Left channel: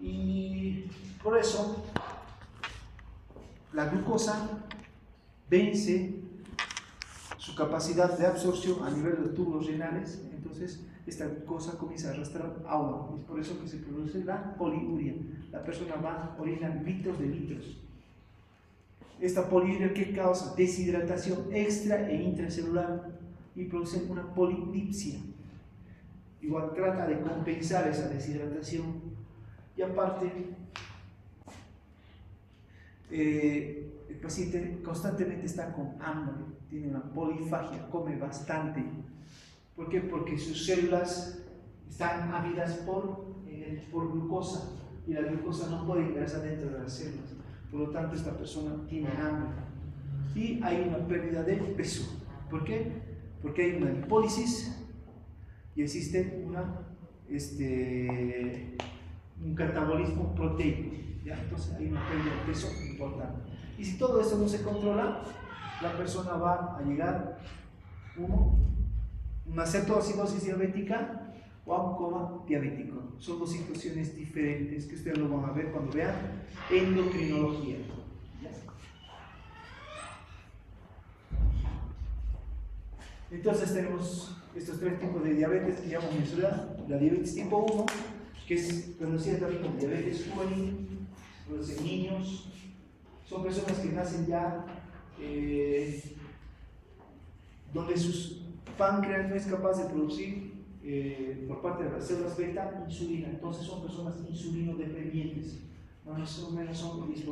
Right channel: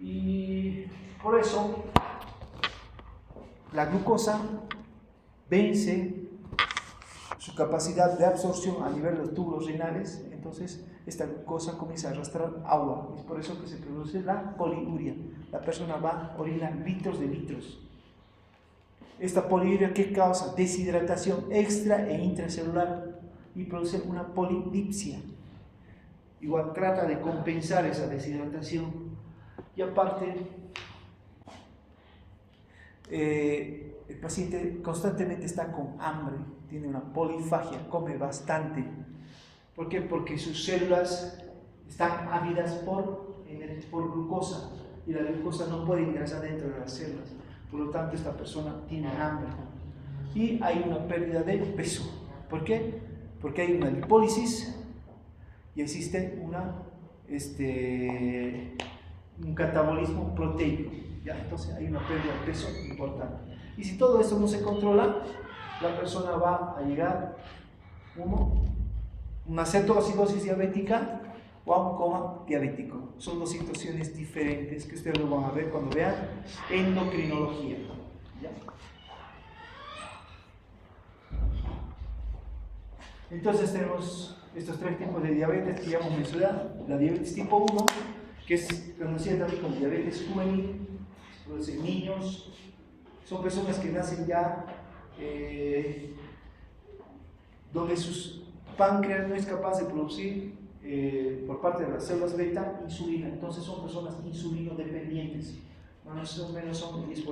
Y por eso la glucosa vence su capacidad de absorción a nivel de los túbulos renales, entonces esta glucosa comienza a arrastrar agua, es por eso que se produce la poliuria. La persona va a orinar litros de litros. Esta poliuria, ¿qué causa? Deshidratación extra e intracelular y produce una polidipsia. Igual trata de compensar esa deshidratación y aparte el paciente constantemente está con hambre, tiene una polifagia, come bastante. ¿Por qué? Porque sus células están ávidas por glucosa y la glucosa no puede ingresar dentro de las células. Por lo tanto, esta persona tiene hambre y hay una pérdida de peso. ¿Por qué? Porque hay una lipólisis y existe un catabolismo proteico. ¿Ya? Entonces hay una pérdida de peso importante. Y si todo esto no se controla, la persona va a llegar una cetoacidosis diabética o a un coma diabético. Son dos situaciones diferentes que ustedes lo van a ver cuando vean endocrinología. ¿Ya? Entonces tenemos estos tres tipos de diabetes que ya hemos mencionado. La diabetes tipo 1, que es conocida también como diabetes juvenil, los niños, son personas que nacen ya donde sus páncreas no es capaz de producir por parte de las células beta insulina, entonces son personas insulinodependientes, más o menos son el 10%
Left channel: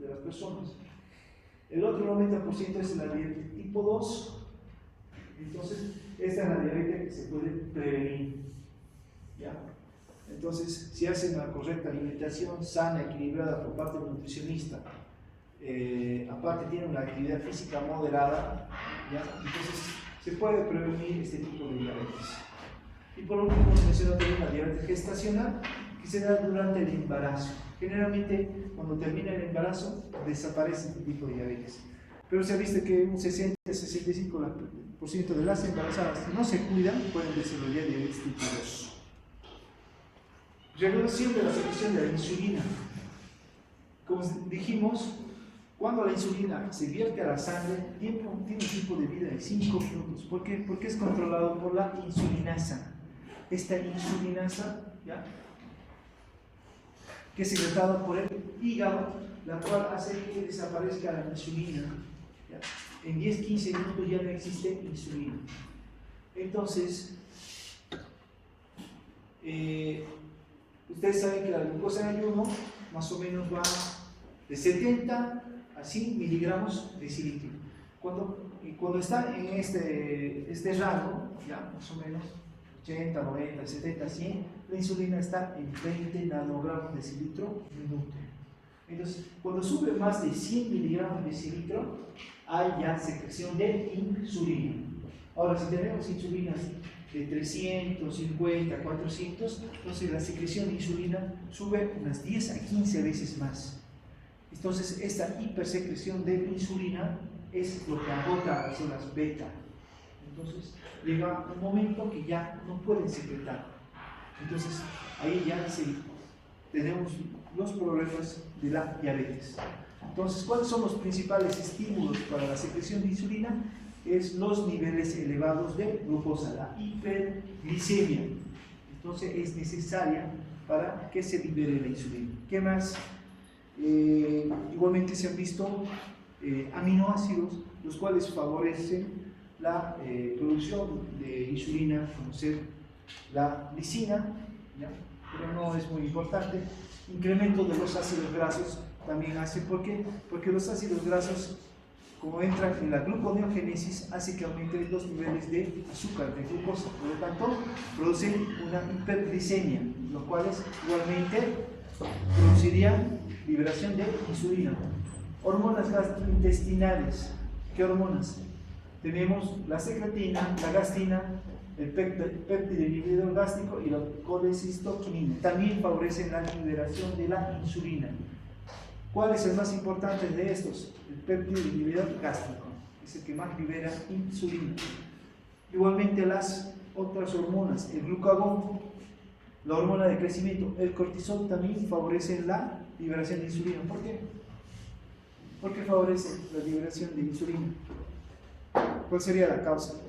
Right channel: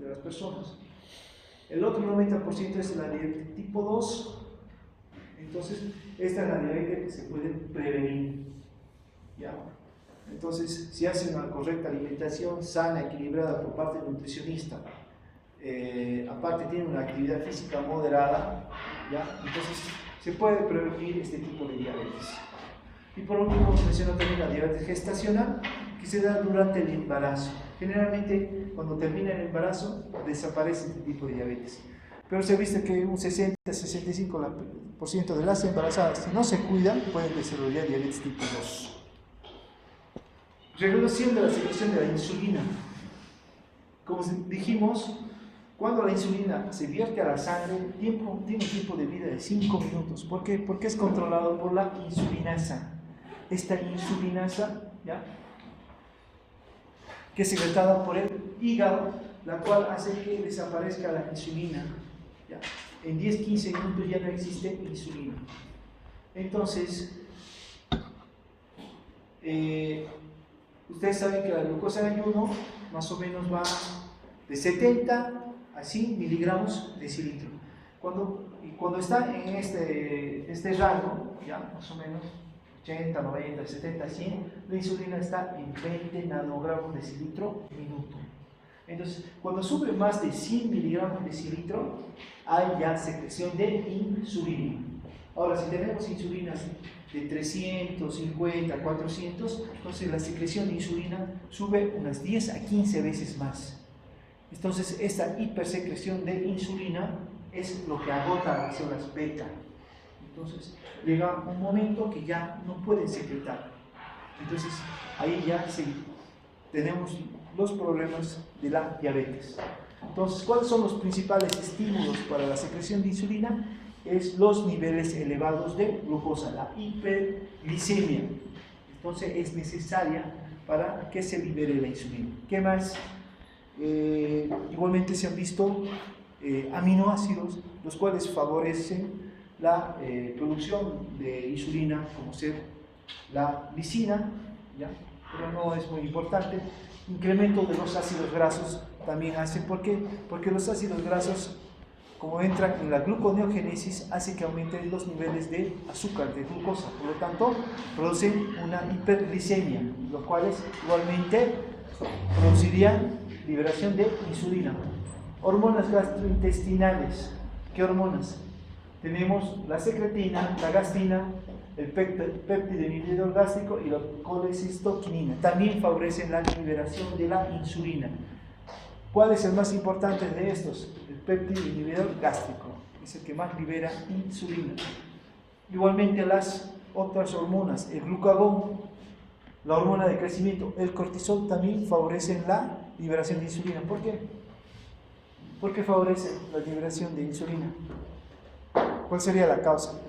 de las personas. El otro 90% es la diabetes tipo 2, entonces esta es la diabetes que se puede prevenir. ¿Ya? Entonces, si hacen una correcta alimentación sana, equilibrada por parte del nutricionista, aparte tiene una actividad física moderada, ¿ya? Entonces se puede prevenir este tipo de diabetes. Y por último, menciono también la diabetes gestacional, que se da durante el embarazo. Generalmente, cuando termina el embarazo, desaparece este tipo de diabetes. Pero se ha visto que un 60-65% de las embarazadas, si no se cuidan, pueden desarrollar diabetes tipo 2. Reducción de la secreción de la insulina. Como dijimos, cuando la insulina se vierte a la sangre, tiene un tiempo de vida de 5 minutos. ¿Por qué? Porque es controlado por la insulinasa. Esta insulinasa, ¿ya?, que es secretada por el hígado, la cual hace que desaparezca la insulina. ¿Ya? En 10-15 minutos ya no existe insulina. Entonces, ustedes saben que la glucosa en ayuno más o menos va de 70 a 100 miligramos decilitro. Cuando está en este rango, ya más o menos 80, 90, 70, 100, la insulina está en 20 nanogramos decilitro minuto. Entonces, cuando sube más de 100 miligramos decilitro, hay ya secreción de insulina. Ahora, si tenemos insulinas de 350, 400, entonces la secreción de insulina sube unas 10 a 15 veces más. Entonces, esta hipersecreción de insulina es lo que agota las células beta. Entonces, llega un momento que ya no pueden secretar. Entonces, ahí ya tenemos los problemas de la diabetes. Entonces, ¿cuáles son los principales estímulos para la secreción de insulina? Es los niveles elevados de glucosa, la hiperglicemia. Entonces, es necesaria para que se libere la insulina. ¿Qué más? Igualmente se han visto aminoácidos, los cuales favorecen la producción de insulina, como ser la lisina, ¿ya?, pero no es muy importante. Incremento de los ácidos grasos también hace. ¿Por qué? Porque los ácidos grasos, como entran en la gluconeogénesis, hace que aumenten los niveles de azúcar, de glucosa, por lo tanto producen una hiperglicemia, los cuales igualmente producirían liberación de insulina. Hormonas gastrointestinales. ¿Qué hormonas? Tenemos la secretina, la gastina, el péptido inhibidor gástrico y la colecistoquinina. También favorecen la liberación de la insulina. ¿Cuál es el más importante de estos? El péptido inhibidor gástrico, es el que más libera insulina. Igualmente las otras hormonas, el glucagón, la hormona de crecimiento, el cortisol, también favorece la liberación de insulina. ¿Por qué? ¿Por qué favorece la liberación de insulina? ¿Cuál sería la causa?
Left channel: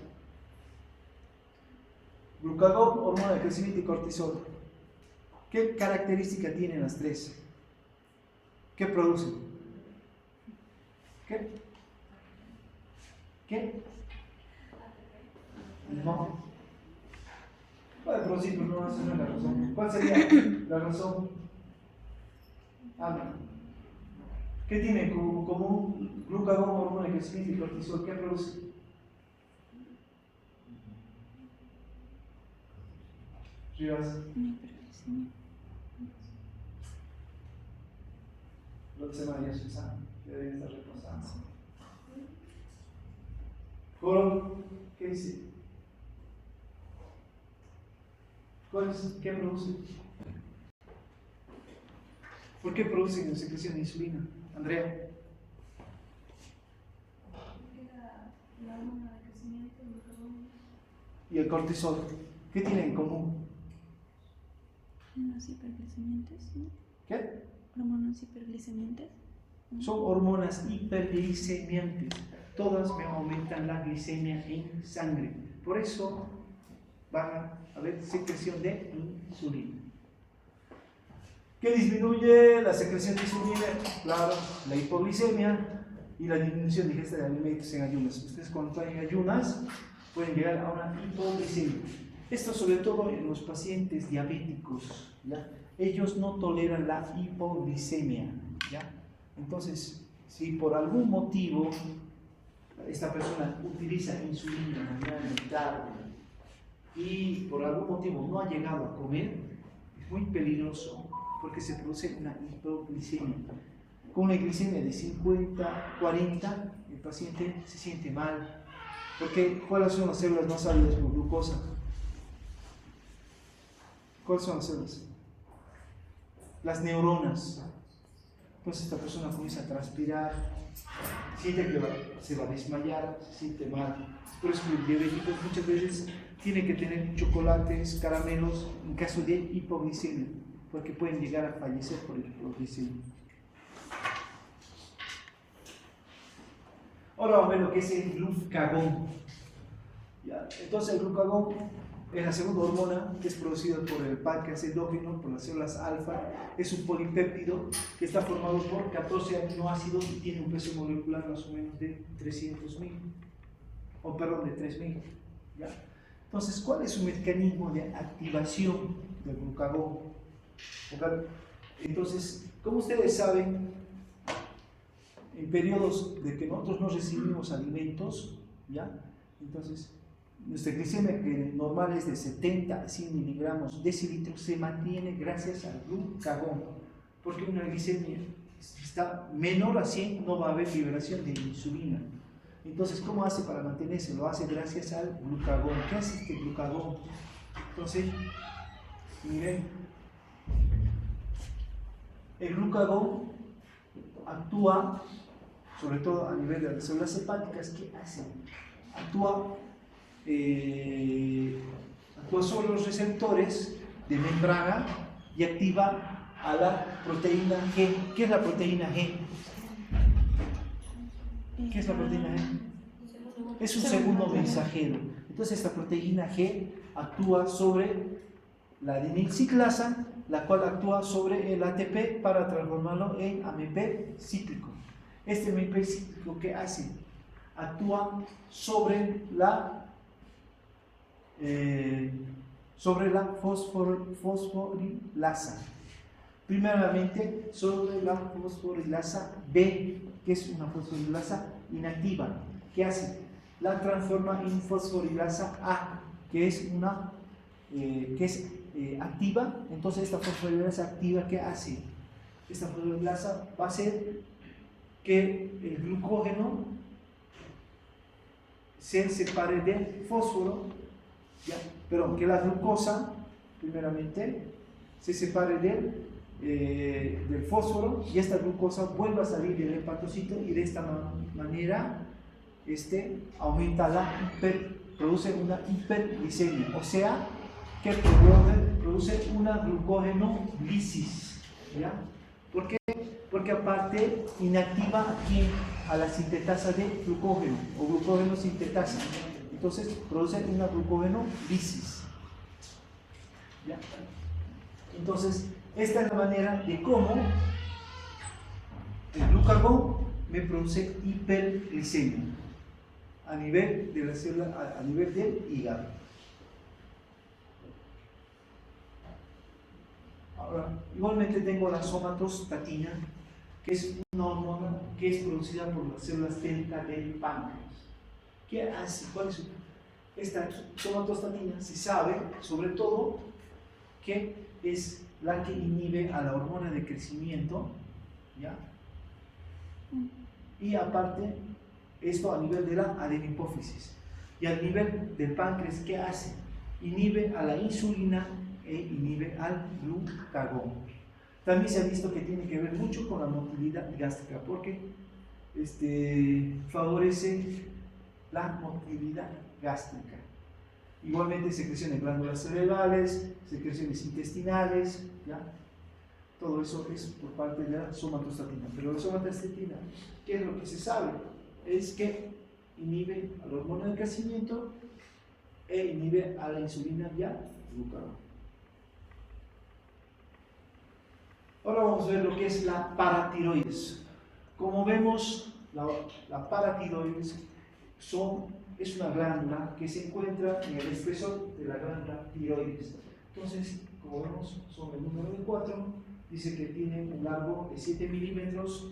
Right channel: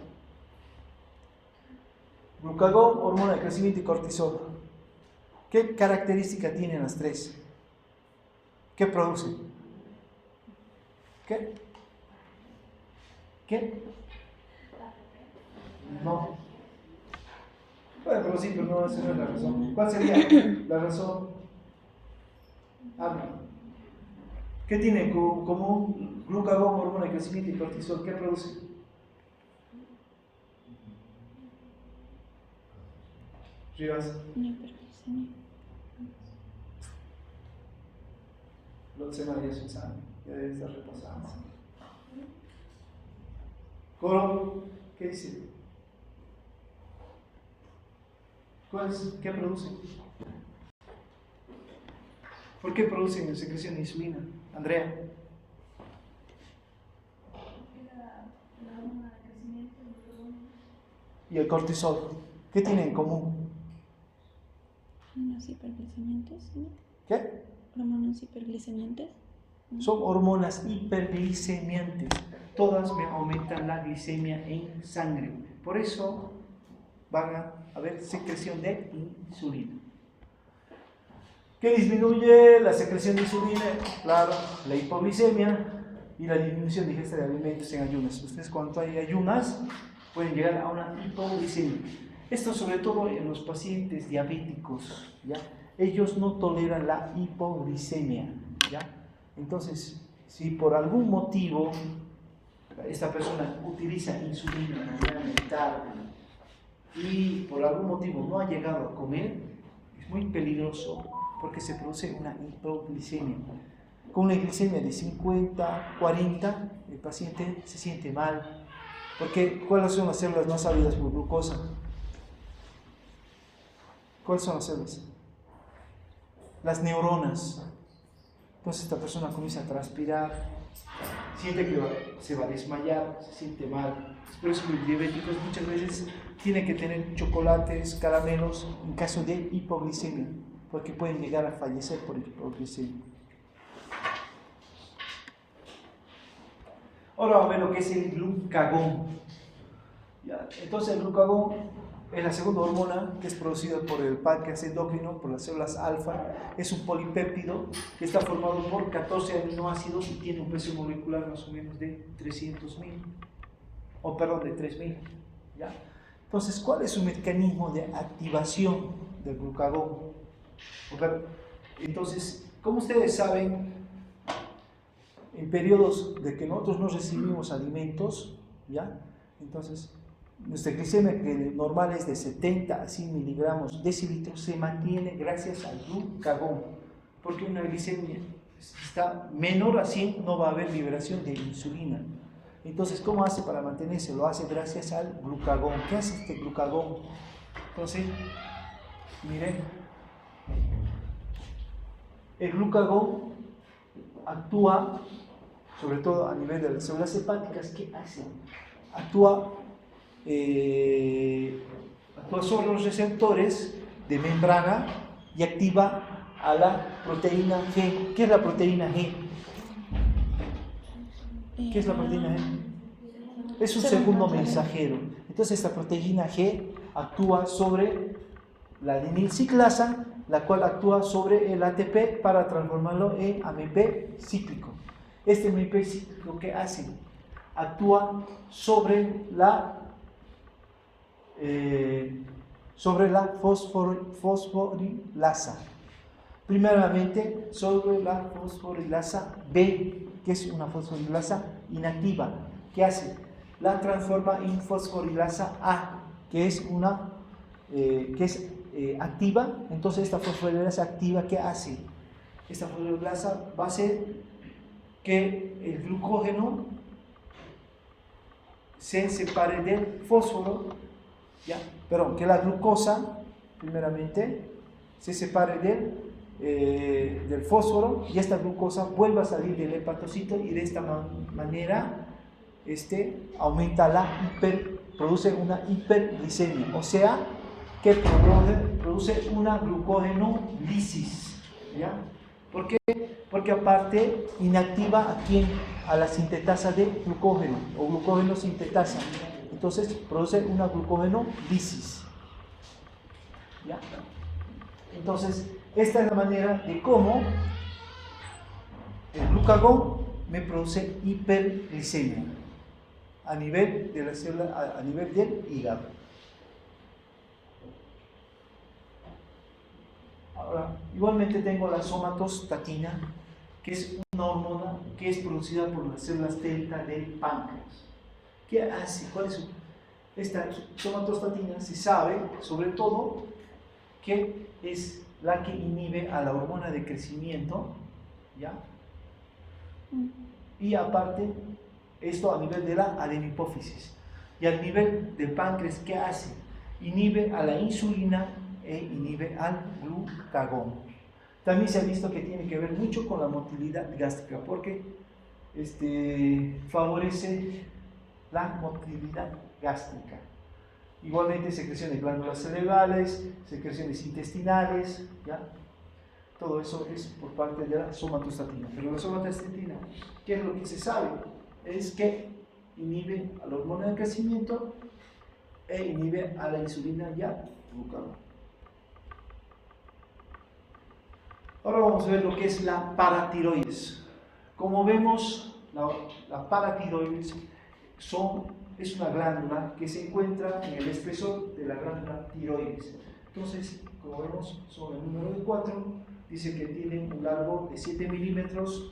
Glucagón, hormona de crecimiento y cortisol. ¿Qué característica tienen las tres? ¿Qué producen? ¿Qué? ¿Qué? No. Puede producir, pero no, esa no es la razón. ¿Cuál sería la razón? Habla. ¿Qué tiene como glucagón, hormona de crecimiento y cortisol? ¿Qué produce? Rivas. No se vaya Susana, ya debe estar reposando. Coro, ¿qué dice? ¿Qué produce? ¿Por qué producen secreción de insulina? Andrea. La hormona de crecimiento y el cortisol, ¿qué tienen en común? Hormonas hiperglicemiantes, ¿no? ¿Qué? Hormonas hiperglicemiantes. Son hormonas hiperglicemiantes. Todas me aumentan la glicemia en sangre. Por eso van a haber secreción de insulina. ¿Qué disminuye la secreción de insulina? Claro, la hipoglicemia y la disminución de ingesta de alimentos en ayunas. Ustedes cuando hay ayunas pueden llegar a una hipoglicemia. Esto sobre todo en los pacientes diabéticos, ¿ya? Ellos no toleran la hipoglicemia, ¿ya? Entonces, si por algún motivo esta persona utiliza insulina de manera inevitable y por algún motivo no ha llegado a comer, es muy peligroso porque se produce una hipoglicemia. Con una glicemia de 50, 40, el paciente se siente mal. Porque, ¿cuáles son las células más ávidas por glucosa? ¿Cuáles son las células? Las neuronas. Entonces esta persona comienza a transpirar, siente que se va a desmayar, se siente mal. Por eso los diabéticos muchas veces tienen que tener chocolates, caramelos en caso de hipoglicemia, porque pueden llegar a fallecer por hipoglicemia. Ahora vamos a ver lo que es el glucagón. ¿Ya? Entonces el glucagón es la segunda hormona que es producida por el páncreas endocrino, por las células alfa. Es un polipéptido que está formado por 14 aminoácidos y tiene un peso molecular más o menos de 300.000, de 3.000. ¿Ya? Entonces, ¿cuál es su mecanismo de activación del glucagón? Entonces, como ustedes saben, en periodos de que nosotros no recibimos alimentos, ¿ya? Entonces, nuestra glicemia que normal es de 70 a 100 miligramos decilitro se mantiene gracias al glucagón, porque una glicemia está menor a 100 no va a haber liberación de insulina. Entonces, ¿cómo hace para mantenerse? Lo hace gracias al glucagón. ¿Qué hace este glucagón? Entonces, miren, el glucagón actúa sobre todo a nivel de las células hepáticas. ¿Qué hace? Actúa sobre los receptores de membrana y activa a la proteína G. ¿Qué es la proteína G? ¿Qué es la proteína G? Es un segundo mensajero. Entonces esta proteína G actúa sobre la adenilciclasa, la cual actúa sobre el ATP para transformarlo en AMP cíclico. Este AMP cíclico, ¿qué hace? Actúa sobre la fosforilasa. Primeramente sobre la fosforilasa B, que es una fosforilasa inactiva. ¿Qué hace? La transforma en fosforilasa A, que es una activa. Entonces esta fosforilasa activa, ¿qué hace? Esta fosforilasa va a hacer que el glucógeno se separe del fósforo, ¿ya? Perdón, que la glucosa primeramente se separe del fósforo y esta glucosa vuelva a salir del hepatocito y de esta manera aumenta produce una hiperglicemia. O sea, que produce una glucógenolisis, ¿ya? ¿Por qué? Porque aparte inactiva a quién, a la sintetasa de glucógeno o glucógeno sintetasa. Entonces produce una glucógenolisis, ¿ya? Entonces esta es la manera de cómo el glucagón me produce hiperglicemia a nivel de la célula, a nivel del hígado. Ahora, igualmente tengo la somatostatina, que es una hormona que es producida por las células delta del páncreas. ¿Qué hace? ¿Cuál es su? Esta somatostatina se sabe, sobre todo, que es la que inhibe a la hormona de crecimiento, ¿ya? Y aparte, esto a nivel de la adenipófisis. Y al nivel del páncreas, ¿qué hace? Inhibe a la insulina e inhibe al glucagón. También se ha visto que tiene que ver mucho con la motilidad gástrica, porque favorece la motilidad gástrica. Igualmente secreción de glándulas cerebrales, secreciones intestinales, ¿ya? Todo eso es por parte de la somatostatina. Pero la somatostatina, ¿qué es lo que se sabe? Es que inhibe a la hormona de crecimiento e inhibe a la insulina y al glucagón. Ahora vamos a ver lo que es la paratiroides. Como vemos, la paratiroides es una glándula que se encuentra en el espesor de la glándula tiroides. Entonces, como vemos, son el número de 4, dice que tiene un largo de 7 milímetros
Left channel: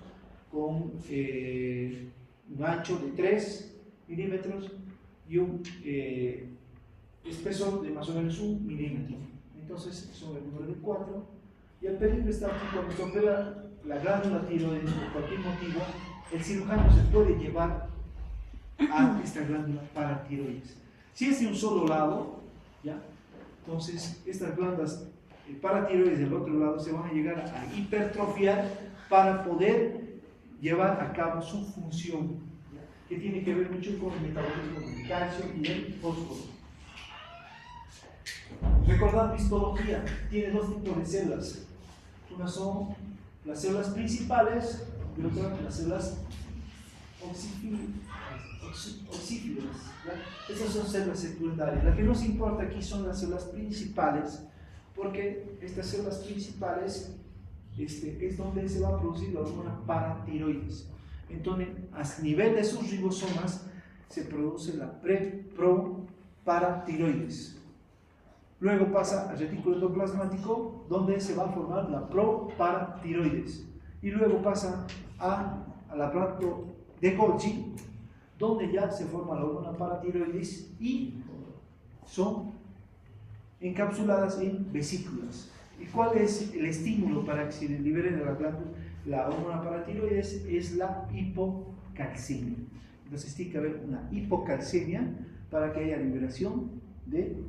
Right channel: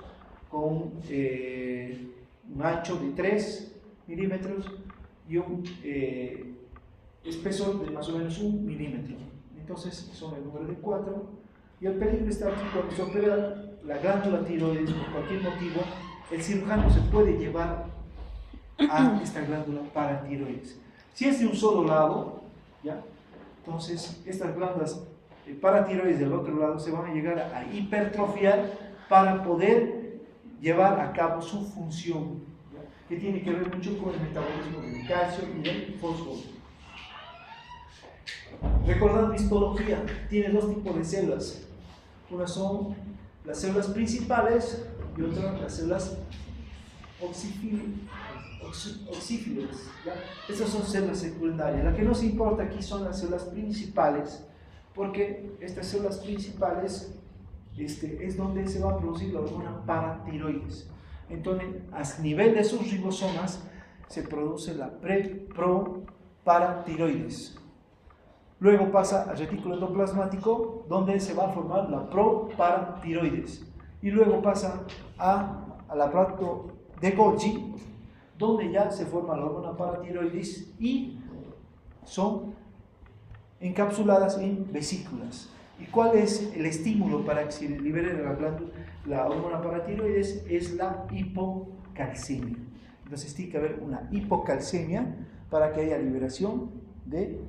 con un ancho de 3 milímetros y un espesor de más o menos 1 milímetro. Entonces, son el número de 4. Y el peligro está aquí cuando se opera la glándula tiroides por cualquier motivo, el cirujano se puede llevar a esta glándula paratiroides. Si es de un solo lado, ¿ya? Entonces estas glándulas paratiroides del otro lado se van a llegar a hipertrofiar para poder llevar a cabo su función, ¿ya? Que tiene que ver mucho con el metabolismo del calcio y el fósforo. Recordando histología, tiene dos tipos de células. Unas son las células principales y otras las células oxífilas. Estas son células secundarias. Lo que nos importa aquí son las células principales, porque estas células principales es donde se va a producir la hormona paratiroides. Entonces, a nivel de sus ribosomas se produce la proparatiroides. Luego pasa al retículo endoplasmático, donde se va a formar la proparatiroides. Y luego pasa al aparato de Golgi, donde ya se forma la hormona paratiroides y son encapsuladas en vesículas. ¿Y cuál es el estímulo para que se libere de la hormona paratiroides? Es la hipocalcemia. Entonces tiene que haber una hipocalcemia para que haya liberación de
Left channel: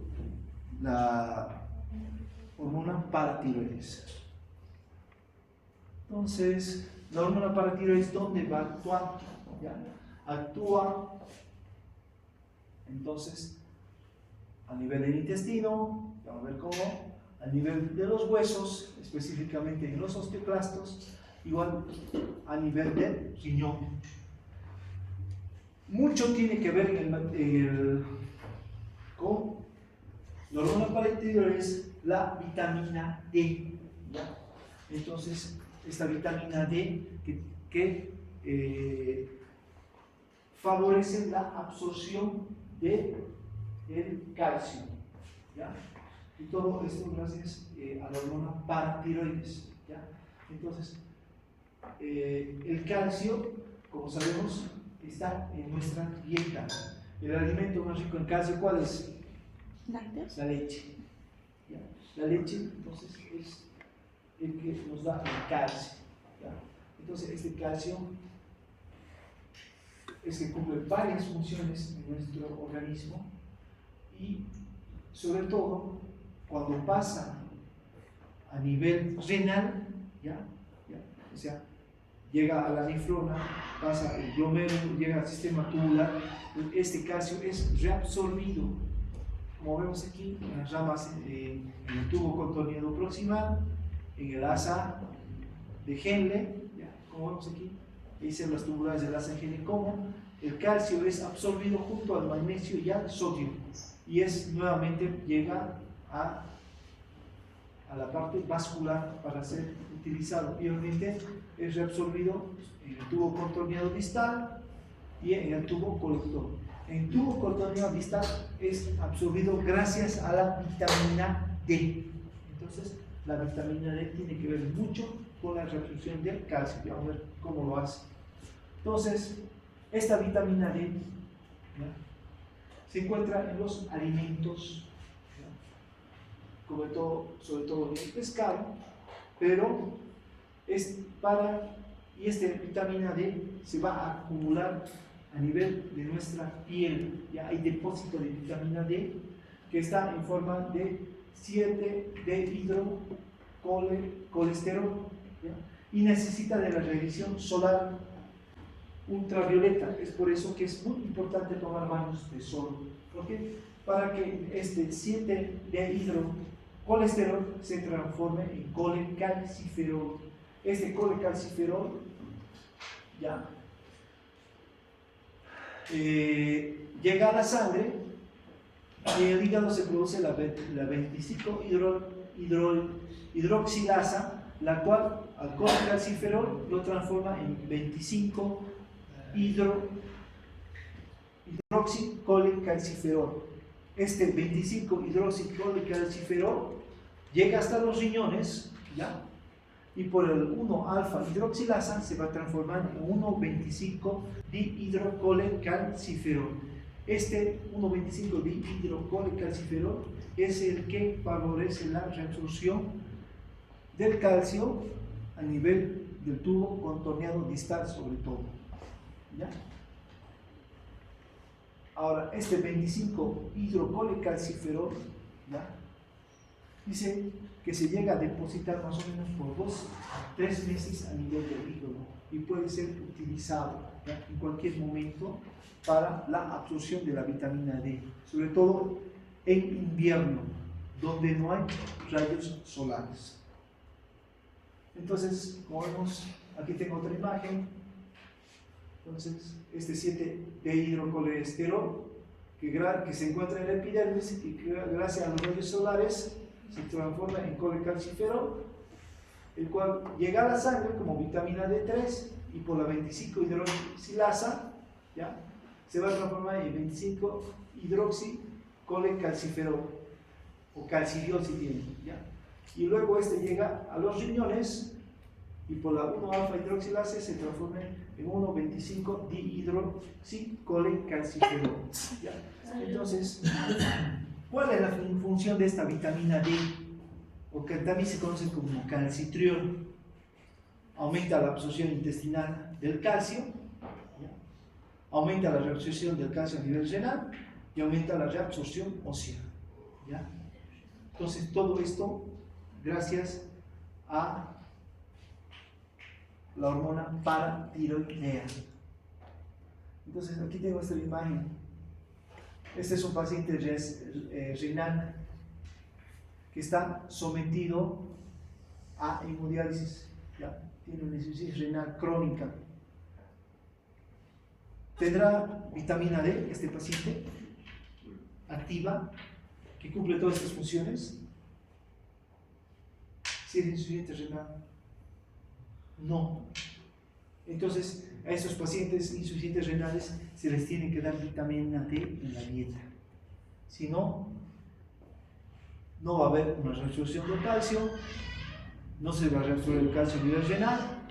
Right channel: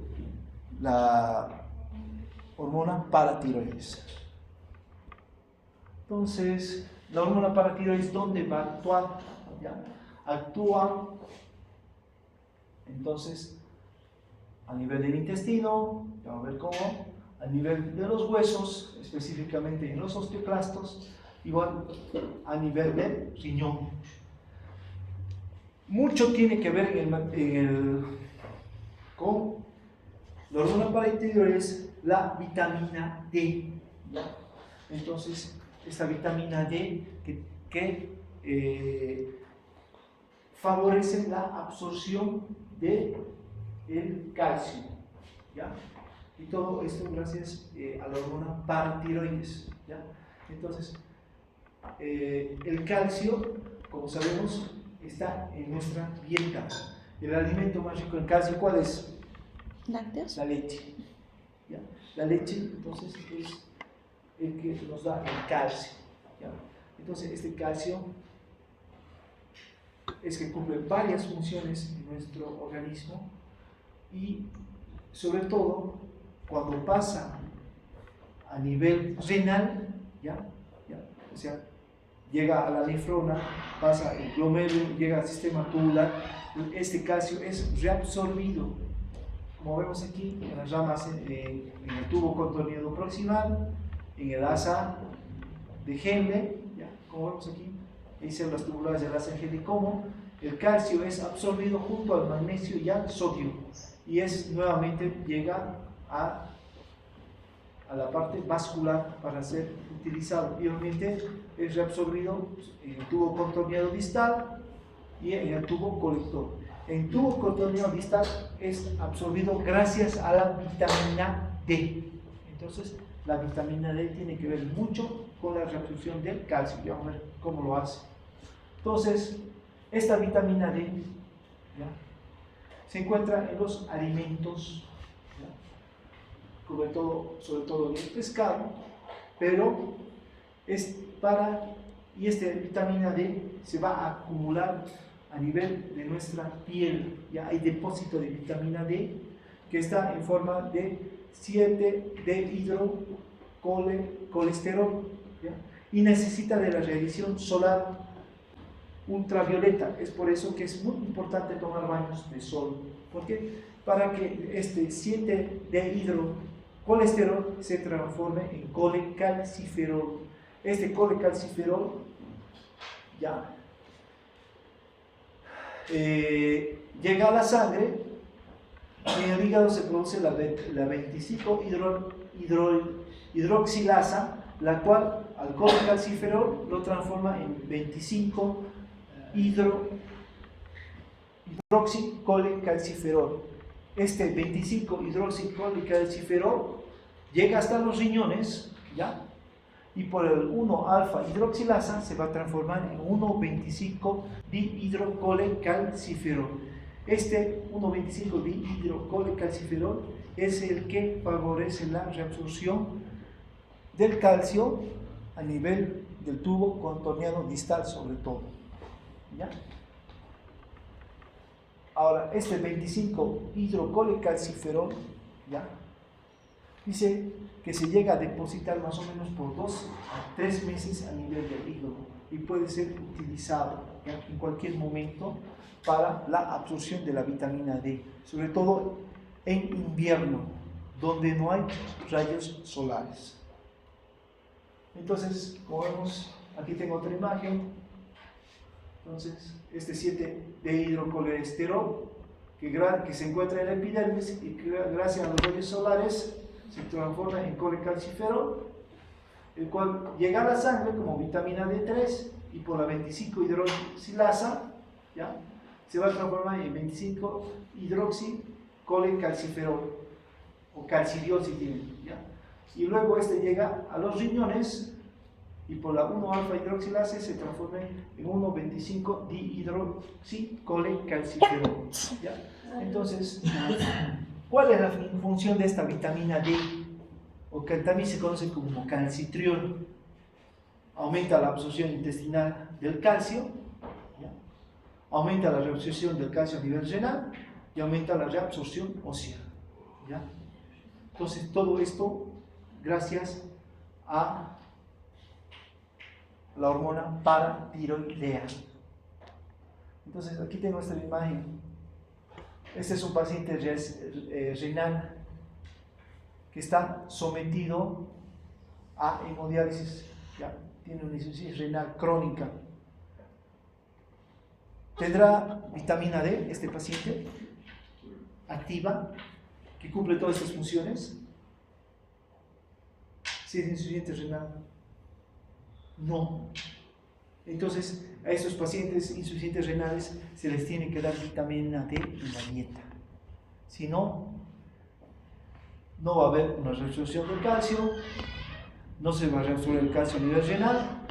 la hormona paratiroides. Entonces, la hormona paratiroides, ¿dónde va a actuar? ¿Ya? Actúa, entonces, a nivel del intestino, vamos a ver cómo, a nivel de los huesos, específicamente en los osteoclastos, igual a nivel del riñón. Mucho tiene que ver con la hormona paratiroides, la vitamina D, ¿ya? Entonces, esta vitamina D que favorece la absorción del calcio, ¿ya? Y todo esto gracias a la hormona paratiroides, ¿ya? Entonces, el calcio, como sabemos, está en nuestra dieta. El alimento más rico en calcio, ¿cuál es? ¿Lácteos? La leche, ¿ya? La leche, entonces, es el que nos da el calcio, ¿ya? Entonces, este calcio es que cumple varias funciones en nuestro organismo y, sobre todo, cuando pasa a nivel renal, ¿ya? O sea, llega a la nefrona, pasa el glomérulo, llega al sistema tubular, este calcio es reabsorbido como vemos aquí, en las ramas, en el tubo contorneado proximal, en el asa de Henle, ¿ya? Como vemos aquí, hay células tubulares del asa de Henle, como el calcio es absorbido junto al magnesio y al sodio, y es nuevamente llega a la parte vascular para ser utilizado, y obviamente es reabsorbido en el tubo contorneado distal y en el tubo colector. En tubo contorneado distal es absorbido gracias a la vitamina D. Entonces, la vitamina D tiene que ver mucho con la reabsorción del calcio. Ya vamos a ver cómo lo hace. Entonces, esta vitamina D, ¿ya?, se encuentra en los alimentos, ¿ya?, sobre todo en el pescado, pero y esta vitamina D se va a acumular a nivel de nuestra piel. Ya hay depósito de vitamina D que está en forma de 7-dehidrocolesterol, ¿ya?, y necesita de la radiación solar ultravioleta. Es por eso que es muy importante tomar baños de sol. ¿Por qué? Para que este 7-dehidrocolesterol se transforme en colecalciferol. Este colecalciferol ya llega a la sangre, y en el hígado se produce la 25-hidroxilasa, la cual al colecalciferol lo transforma en 25-hidroxicolecalciferol. Este 25-hidroxicolecalciferol llega hasta los riñones, ¿ya?, y por el 1-alfa-hidroxilasa se va a transformar en 1,25-dihidrocolecalciferol. Este 1,25-dihidrocolecalciferol es el que favorece la reabsorción del calcio a nivel del tubo contorneado distal, sobre todo, ¿ya? Ahora, este 25-hidrocolecalciferol, ¿ya?, dice que se llega a depositar más o menos por 2 a 3 meses a nivel del hígado y puede ser utilizado, ¿ya?, en cualquier momento para la absorción de la vitamina D, sobre todo en invierno, donde no hay rayos solares. Entonces, como vemos, aquí tengo otra imagen. Entonces, este 7-dehidrocolesterol que se encuentra en la epidermis y que gracias a los rayos solares se transforma en colecalciferol, el cual llega a la sangre como vitamina D3 y por la 25-hidroxilasa, ¿ya?, se va a transformar en 25-hidroxicolecalciferol o calcidiol, ¿ya? Y luego este llega a los riñones y por la 1-alfa-hidroxilasa se transforma en 1,25-dihidroxicolecalciferol, ¿ya? Entonces, ¿cuál es la función de esta vitamina D? O que también se conoce como calcitriol. Aumenta la absorción intestinal del calcio, ¿ya?, aumenta la reabsorción del calcio a nivel renal y aumenta la reabsorción ósea, ¿ya? Entonces, todo esto gracias a la hormona paratiroidea. Entonces, aquí tengo esta imagen. Este es un paciente renal que está sometido a hemodiálisis, ¿ya?, tiene una insuficiencia renal crónica. Tendrá vitamina D este paciente activa que cumple todas estas funciones. Si es insuficiente renal, no. Entonces, a estos pacientes insuficientes renales se les tiene que dar vitamina D en la dieta. Si no, no va a haber una reabsorción del calcio, no se va a reabsorber el calcio a nivel renal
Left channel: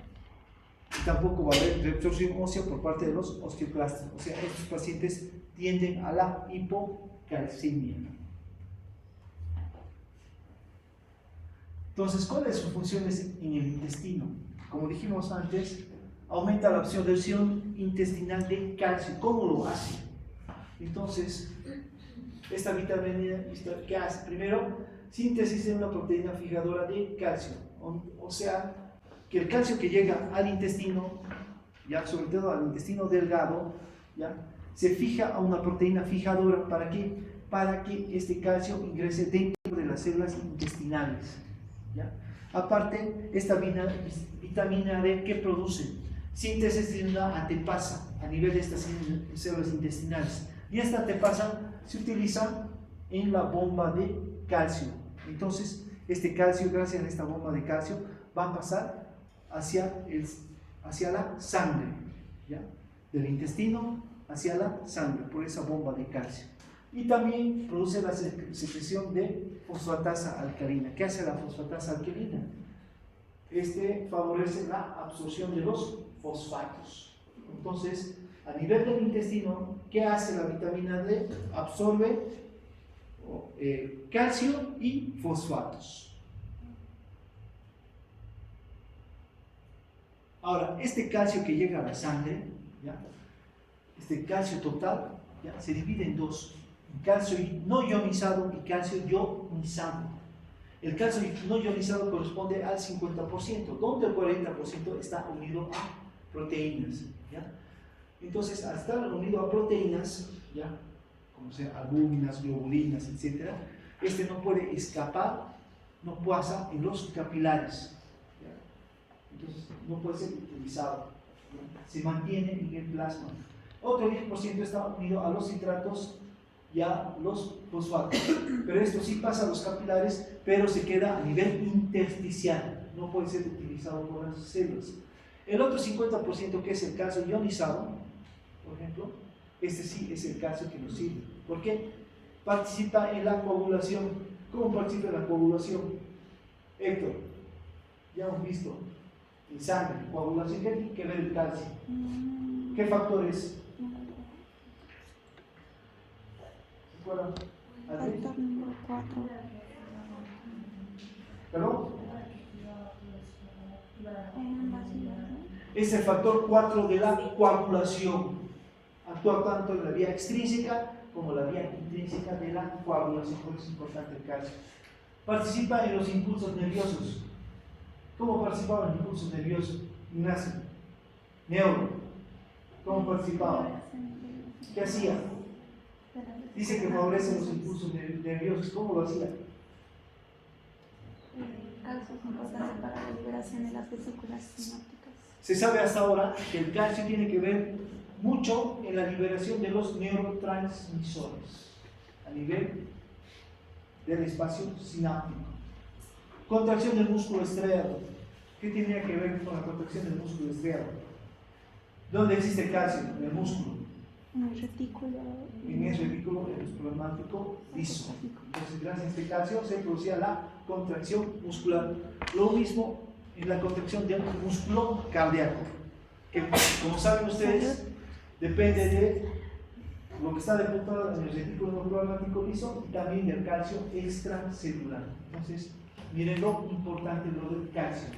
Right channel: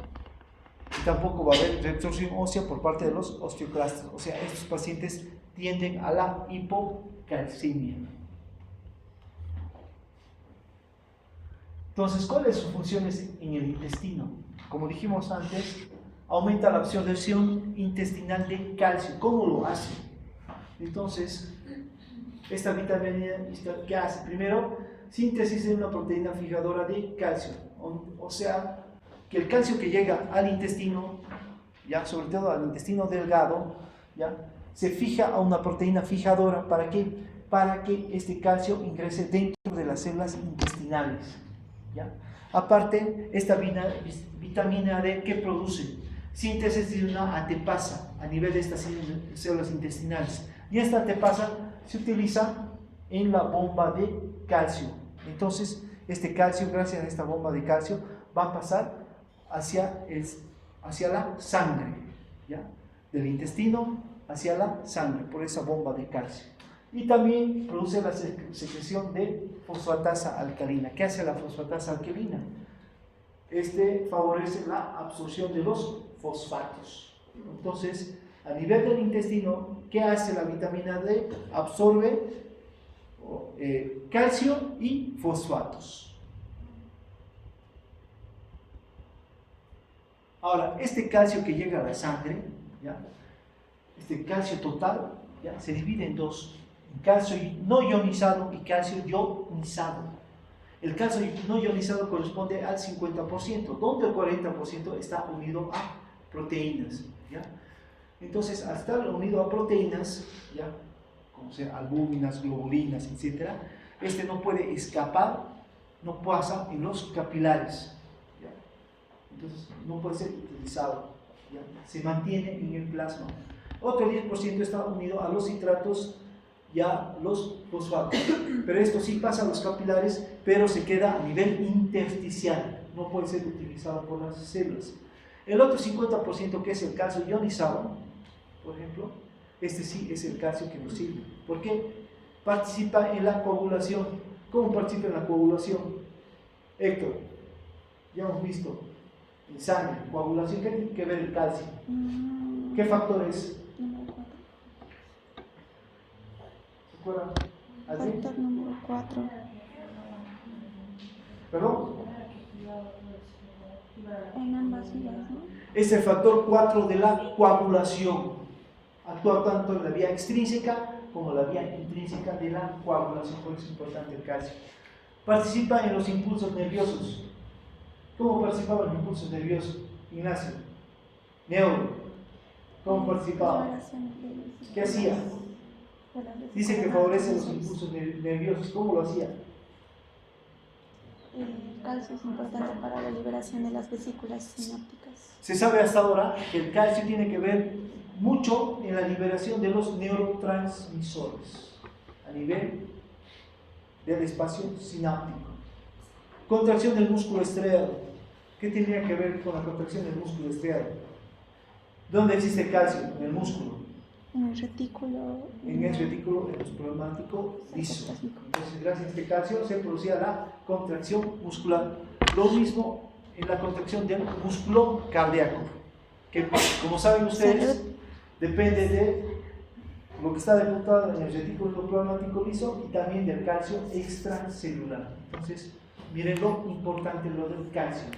y tampoco va a haber reabsorción ósea por parte de los osteoclastos. O sea, estos pacientes tienden a la hipocalcemia. Entonces, ¿cuáles son sus funciones en el intestino? Como dijimos antes, aumenta la absorción intestinal de calcio. ¿Cómo lo hace? Entonces, esta vitamina, ¿qué hace? Primero, síntesis de una proteína fijadora de calcio. O sea, que el calcio que llega al intestino, ya sobre todo al intestino delgado, ya se fija a una proteína fijadora. ¿Para qué? para que este calcio ingrese dentro de las células intestinales, ¿ya? Aparte, esta vitamina D, ¿qué produce? Síntesis de una antepasa a nivel de estas células intestinales. Y esta antepasa se utiliza en la bomba de calcio. Entonces, este calcio, gracias a esta bomba de calcio, va a pasar hacia la sangre, ¿ya? Del intestino hacia la sangre por esa bomba de calcio. Y también produce la secreción de fosfatasa alcalina. ¿Qué hace la fosfatasa alcalina? Favorece la absorción de los fosfatos. Entonces, a nivel del intestino, ¿qué hace la vitamina D? Absorbe calcio y fosfatos. Ahora, este calcio que llega a la sangre, ¿ya? Este calcio total, ¿ya? Se divide en dos: calcio no ionizado y calcio ionizado. El calcio no ionizado corresponde al 50%, donde el 40% está unido a proteínas, ¿ya? Entonces, al estar unido a proteínas, ¿ya? Como sea albúminas, globulinas, etc., este no puede escapar, no pasa en los capilares, ¿ya? Entonces no puede ser utilizado, ¿ya? Se mantiene en el plasma. Otro 10% está unido a los citratos y a los fosfatos, pero esto sí pasa a los capilares, pero se queda a nivel intersticial, no puede ser utilizado por las células. El otro 50%, que es el calcio ionizado, por ejemplo, este sí es el calcio que nos sirve. ¿Por qué? Participa en la coagulación. ¿Cómo participa en la coagulación? Héctor, ya hemos visto en sangre, coagulación, ¿qué tiene que ver el calcio? ¿Qué factor es? Factor número 4. ¿Perdón? En ambas vías, ¿no? Es el factor 4 de la coagulación. Actúa tanto en la vía extrínseca como la vía intrínseca de la coagulación, por eso es importante el calcio. Participa en los impulsos nerviosos. ¿Cómo participaba en los impulsos nerviosos, Ignacio? Neuro. ¿Cómo participaba? ¿Qué hacía? Dice que favorece los impulsos nerviosos. ¿Cómo lo hacía? El calcio es importante para la liberación de las vesículas sinápticas. Se sabe hasta ahora que el calcio tiene que ver mucho en la liberación de los neurotransmisores a nivel del espacio sináptico. Contracción del músculo estriado. ¿Qué tendría que ver con la contracción del músculo estriado? ¿Dónde existe calcio? En el músculo. En el retículo. En el retículo endoplasmático liso. Entonces, gracias a este calcio se producía la contracción muscular. Lo mismo en la contracción del músculo cardíaco, que, como saben ustedes, depende de lo que está depositado en el retículo endoplasmático liso y también del calcio extracelular. Entonces, miren lo importante lo del calcio.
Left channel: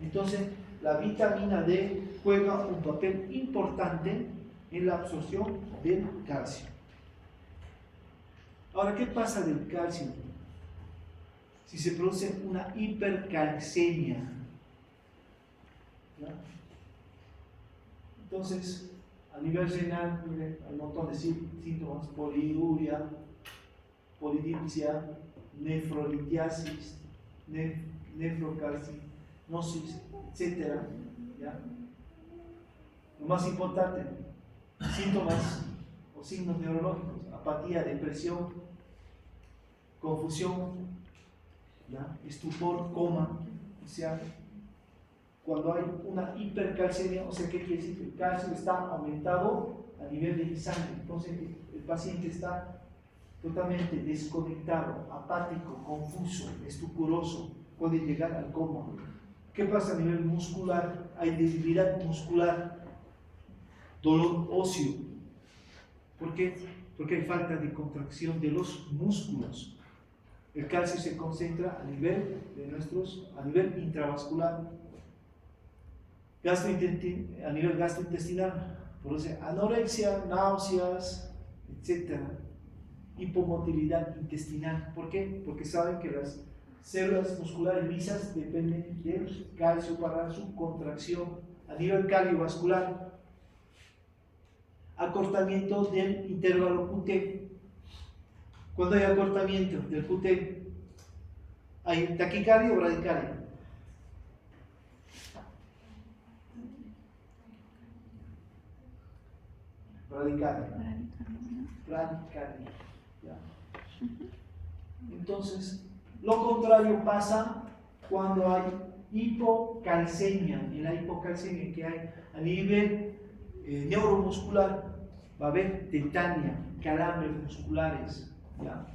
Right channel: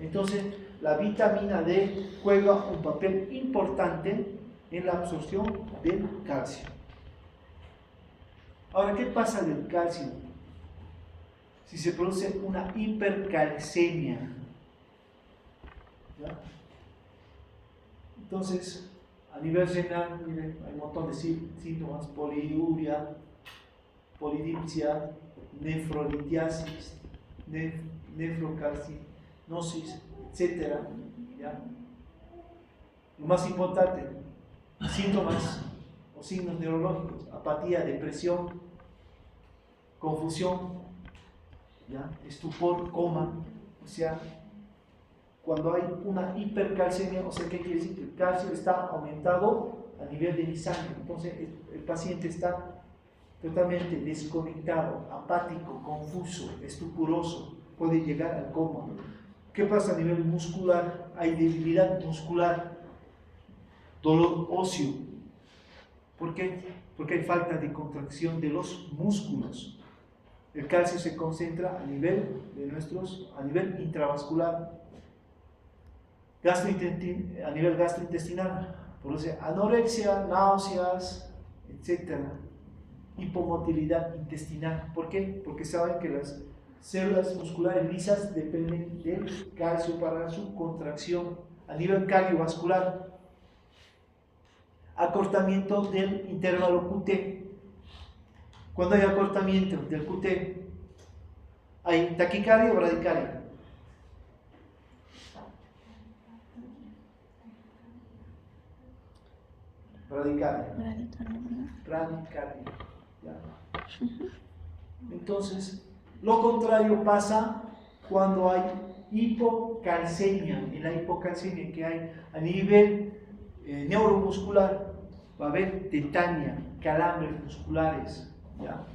Entonces, la vitamina D juega un papel importante en la absorción del calcio. Ahora, ¿qué pasa del calcio? Si se produce una hipercalcemia, ¿ya? Entonces, a nivel renal, miren, hay un montón de síntomas: poliuria, polidipsia, nefrolitiasis, nefrocarcinosis, etc. ¿Ya? Lo más importante, síntomas o signos neurológicos: apatía, depresión, confusión, ¿ya? Estupor, coma. O sea, cuando hay una hipercalcemia, o sea, ¿qué quiere decir? Que el calcio está aumentado a nivel de mi sangre. Entonces el paciente está totalmente desconectado, apático, confuso, estupuroso, puede llegar al coma. ¿Qué pasa a nivel muscular? Hay debilidad muscular, dolor óseo. ¿Por qué? Porque hay falta de contracción de los músculos. El calcio se concentra a nivel intravascular, a nivel gastrointestinal, produce anorexia, náuseas, etc. Hipomotilidad intestinal. ¿Por qué? Porque saben que las células musculares lisas dependen del calcio para su contracción. A nivel cardiovascular, acortamiento del intervalo QT. Cuando hay acortamiento del QT, ¿hay taquicardia o bradicardia? Bradicardia. Bradicardia. ¿Ya? Entonces, lo contrario pasa cuando hay hipocalcemia. En la hipocalcemia que hay a nivel neuromuscular, va a haber tetania, calambres musculares. ¿Ya?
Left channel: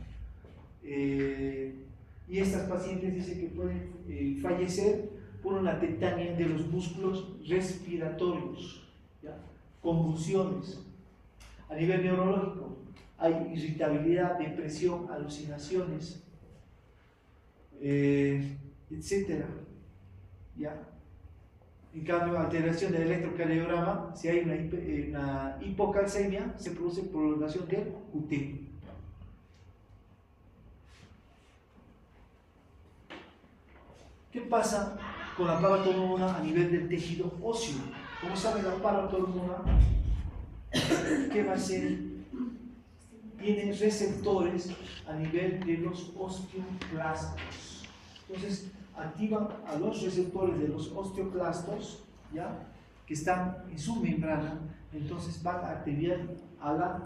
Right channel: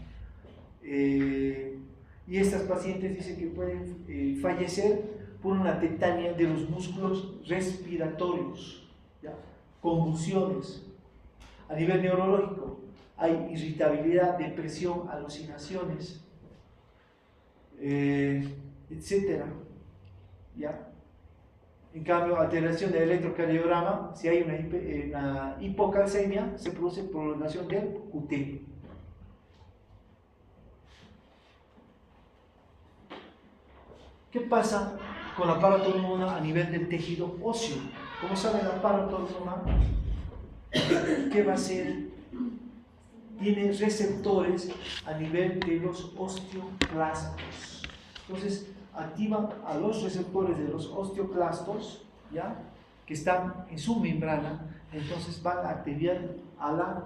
Y estas pacientes dicen que pueden fallecer por una tetania de los músculos respiratorios, ¿ya? Convulsiones. A nivel neurológico hay irritabilidad, depresión, alucinaciones, etcétera. ¿Ya? En cambio, alteración del electrocardiograma, si hay una hipocalcemia, se produce prolongación del QT. ¿Qué pasa con la paratormona a nivel del tejido óseo? Como saben, la paratormona, ¿qué va a hacer? Tiene receptores a nivel de los osteoclastos. Entonces, activa a los receptores de los osteoclastos, ¿ya? Que están en su membrana. Entonces, van a activar a la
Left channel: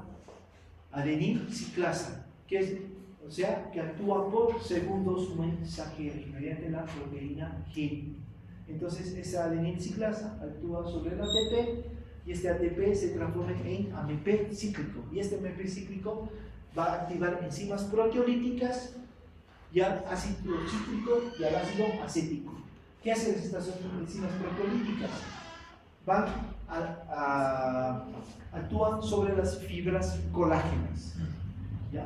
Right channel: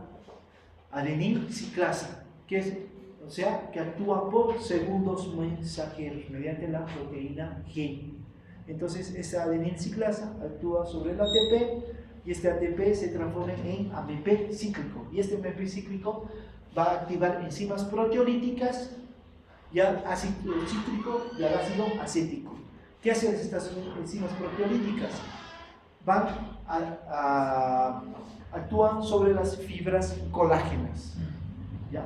adenilciclasa, que es, o sea, que actúa por segundos mensajeros mediante la proteína G. Entonces, esta adenilciclasa actúa sobre el ATP y este ATP se transforma en AMP cíclico. Y este AMP cíclico va a activar enzimas proteolíticas y al ácido cítrico y al ácido acético. ¿Qué hacen estas enzimas proteolíticas? Actúan sobre las fibras colágenas. ¿Ya?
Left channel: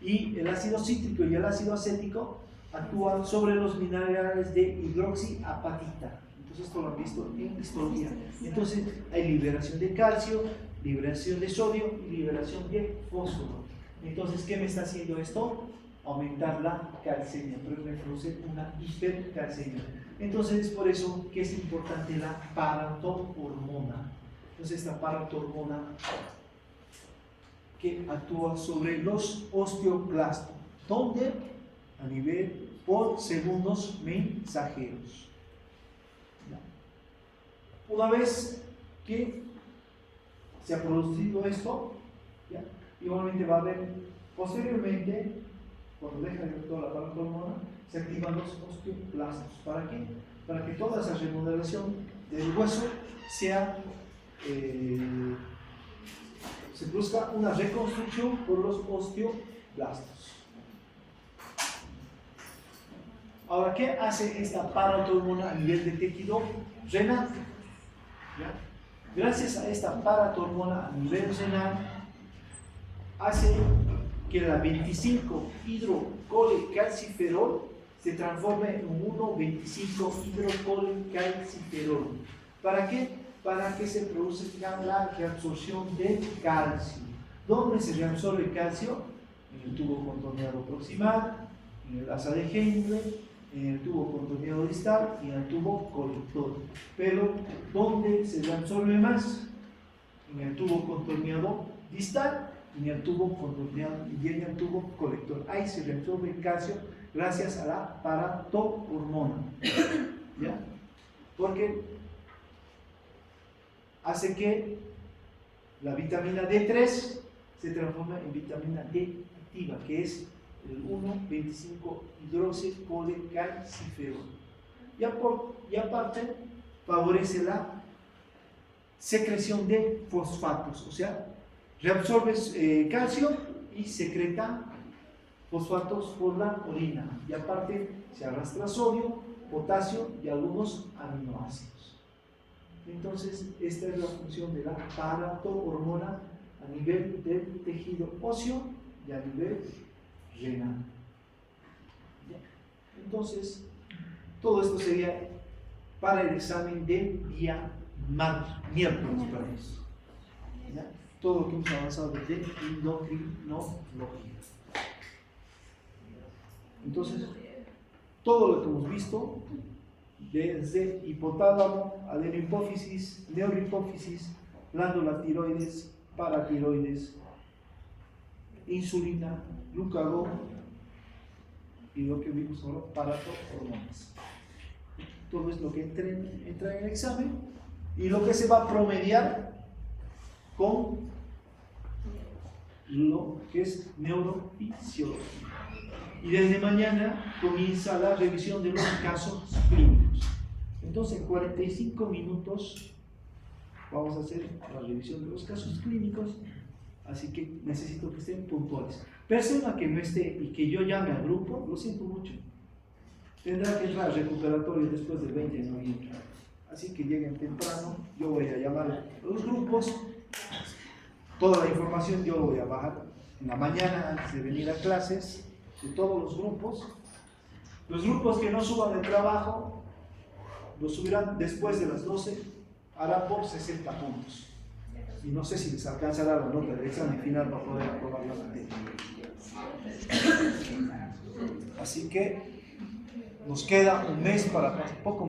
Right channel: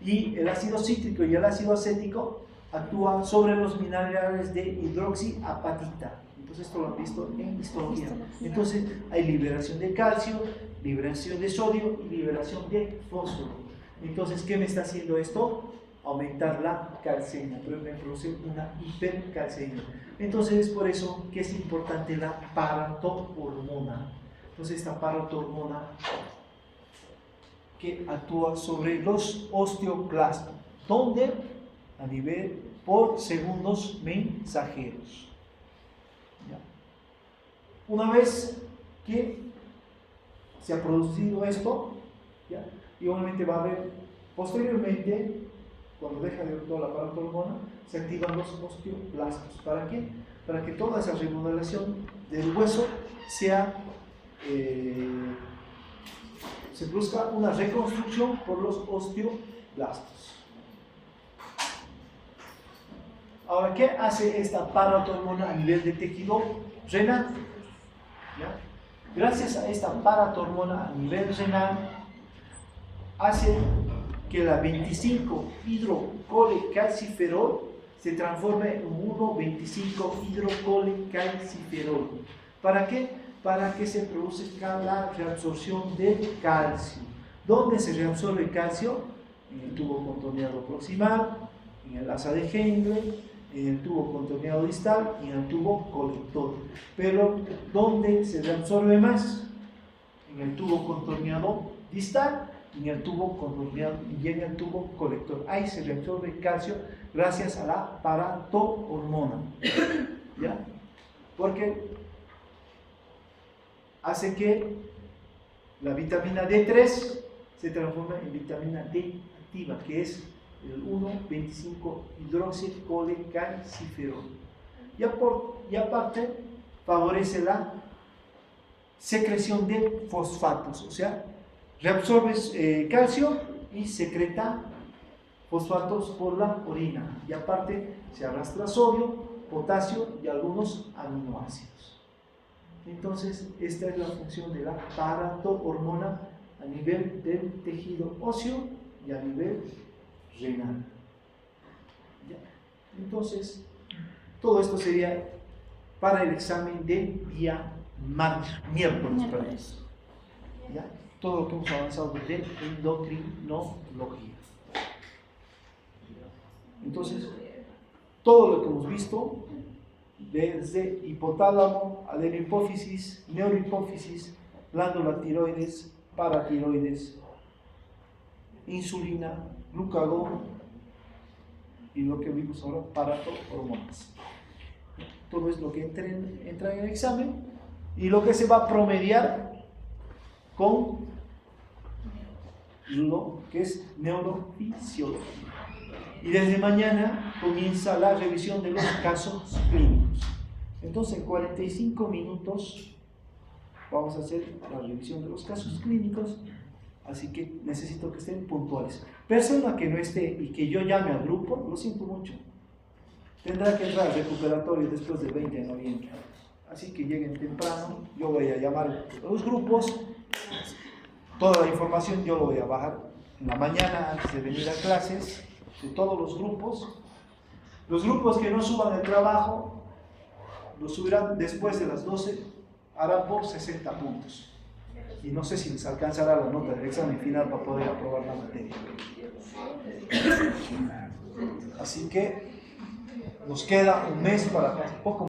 Y el ácido cítrico y el ácido acético actúan sobre los minerales de hidroxiapatita. Entonces, esto lo han visto en histología. Entonces, hay liberación de calcio, liberación de sodio y liberación de fósforo. Entonces, ¿qué me está haciendo esto? Aumentar la calcemia, pero me produce una hipercalcemia. Entonces, es por eso que es importante la paratormona. Entonces, esta paratormona que actúa sobre los osteoclastos, donde a nivel por segundos mensajeros. ¿Ya? Una vez que se ha producido esto, ¿ya? Igualmente va a haber posteriormente, cuando deja de actuar la paratormona, se activan los osteoclastos. ¿Para qué? Para que toda esa remodelación del hueso sea se produzca una reconstrucción por los osteoblastos. Ahora, ¿qué hace esta paratormona a nivel de tejido renal? ¿Ya? Gracias a esta paratormona a nivel renal, hace que la 25-hidrocolecalciferol se transforme en 1,25-hidrocolecalciferol. ¿Para qué? Para que se produzca la reabsorción de calcio. ¿Dónde se reabsorbe el calcio? En el tubo contorneado proximal, en el asa de Henle, en el tubo contorneado distal y en el tubo colector. Pero, ¿dónde se reabsorbe más? En el tubo contorneado distal y en el tubo contorneado y en el tubo colector. Ahí se reabsorbe el calcio gracias a la paratormona. ¿Ya? Porque hace que la vitamina D3 se transforme en vitamina D activa, que es el 1,25-hidroxicolecalciferol. Y aparte, favorece la secreción de fosfatos, o sea, reabsorbe calcio y secreta fosfatos por la orina. Y aparte, se arrastra sodio, potasio y algunos aminoácidos. Entonces, esta es la función de la paratormona a nivel del tejido óseo y a nivel renal. ¿Ya? Entonces, todo esto sería para el examen del día miércoles. ¿Ya? Todo lo que hemos avanzado de endocrinología. Entonces, todo lo que hemos visto, desde hipotálamo, adenohipófisis, neurohipófisis, glándula tiroides, paratiroides, insulina, glucagón y lo que vimos ahora, paratormonas. Todo es lo que entra en el examen y lo que se va a promediar con lo que es neurofisiología. Y desde mañana comienza la revisión de los casos clínicos. Entonces, en 45 minutos vamos a hacer la revisión de los casos clínicos, así que necesito que estén puntuales. Persona que no esté y que yo llame al grupo, lo siento mucho, tendrá que entrar al recuperatorio después del 20 de noviembre. Así que lleguen temprano, yo voy a llamar a los grupos, toda la información yo lo voy a bajar en la mañana antes de venir a clases, de todos los grupos. Los grupos que no suban el trabajo, lo subirán después de las 12, hará por 60 puntos. Y no sé si les alcanzará la nota del examen final para poder aprobar la materia. Así que nos queda un mes para poco